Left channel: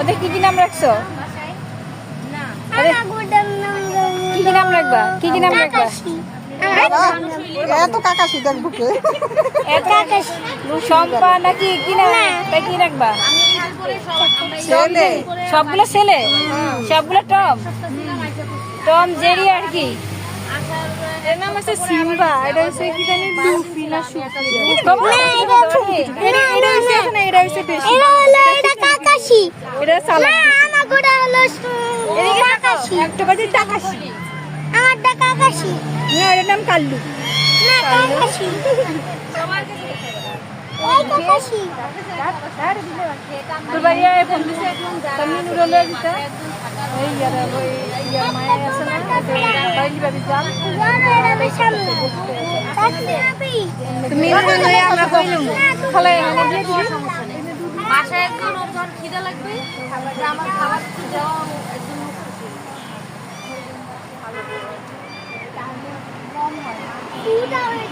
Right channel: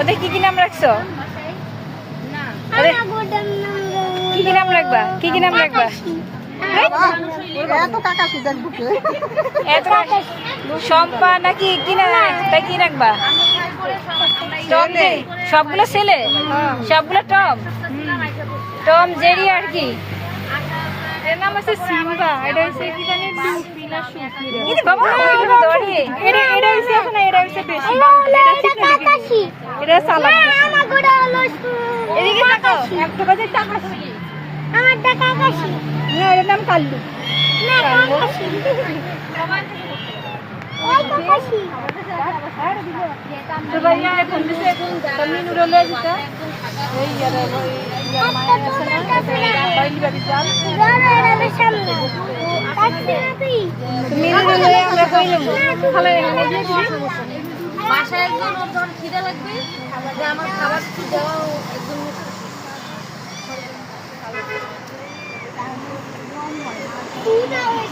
ওদের কি কি নাম রাখছো? কি কি নাম রাখবা? কি কি নাম রাখবা? এত কাকাশি দেখবো কে? শম্পা নাকি কি না? তাই কি রাখবা? Tom Jerry. সবগুলো ছেলে, সবগুলো টম। টম জেরি আর কি? এর নাম হচ্ছে সিম্বা, এটা হচ্ছে কি জানি লুফি না সুফি রে। কিন্তু বাবা এটা হচ্ছে না, এটা হচ্ছে বেশি। এটা কাকাশি। এটা চালাক। আমার গোড়া হলো এদিকে কাকাশি। একটা বাজে টাকাশি। আমারটা কাকাশি। না, এর নাম কাল্লু। না কাকাশি। ওই কাকাশি। তোর বাড়ি এখন দিছে এখন কন্নি নুরলে দিছে এই ইয়ার মায়া আছে না বাড়ি বাড়ি যান তুমি লয়ে আমরা কইলাম খালা এখানে দিয়ে দিও। বাসায় একজন ওর যখন খিদে লাগবে যে আমার খাবার দেওয়া একজন পুরা হয়ে